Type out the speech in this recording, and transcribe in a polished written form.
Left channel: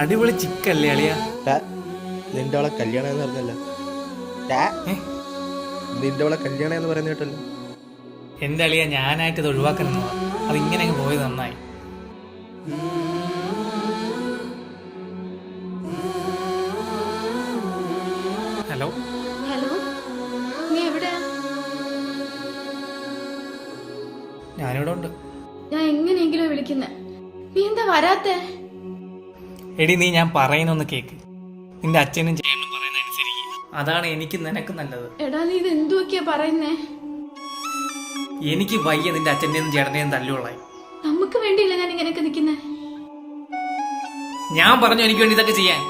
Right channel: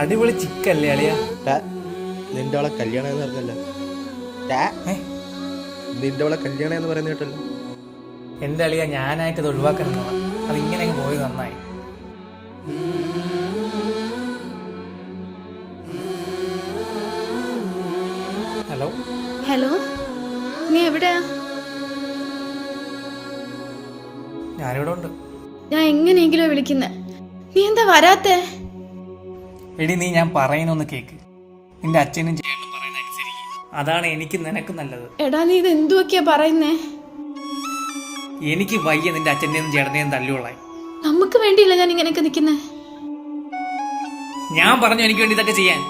അടിപൊളി ചിക്കല്ലേ അളിയ? നിന്റെ അവളെ കല്യാണം എന്ന് പറഞ്ഞല്ലോ. നിന്റെ അവളെ കല്യാണം എന്ന് പറയുന്ന കേട്ടല്ലോ. എന്റെ അളിയ, ഞാനായിട്ട് ഇത് ഒഴിവാക്കണം. അത് ഇങ്ങനെ പോയത് നന്നായി. ഹലോ ഹലോ, നീ എവിടെയാ? ഞാനിവിടെ ഉണ്ട്. ഞാൻ എങ്ങനെയെങ്കിലും വിളിക്കുന്നേ, നീ എന്താ വരാത്തെ? എടി, നീ ഞാൻ പറയുന്നൊന്ന് കേക്ക്. നിന്റെ അച്ഛനും ചേട്ടനും പറയുന്ന അനുസരിക്കും. അതാണ് എനിക്ക് നിനക്ക് നല്ലത്. എടാ, നീ ഇത് എന്തുവൊക്കെയാ പറയുന്നേ? എനിക്ക് വയ്യ നിന്റെ അച്ഛനെയും ചേട്ടനെയും തല്ലുകൊള്ളായി. നമുക്ക് വേണ്ടിയില്ല ഞാൻ ഇങ്ങനെയൊക്കെ നിൽക്കുന്നേ. ഞാൻ പറഞ്ഞു എനിക്ക് വേണ്ടി ഇതൊക്കെ ചെയ്യാൻ.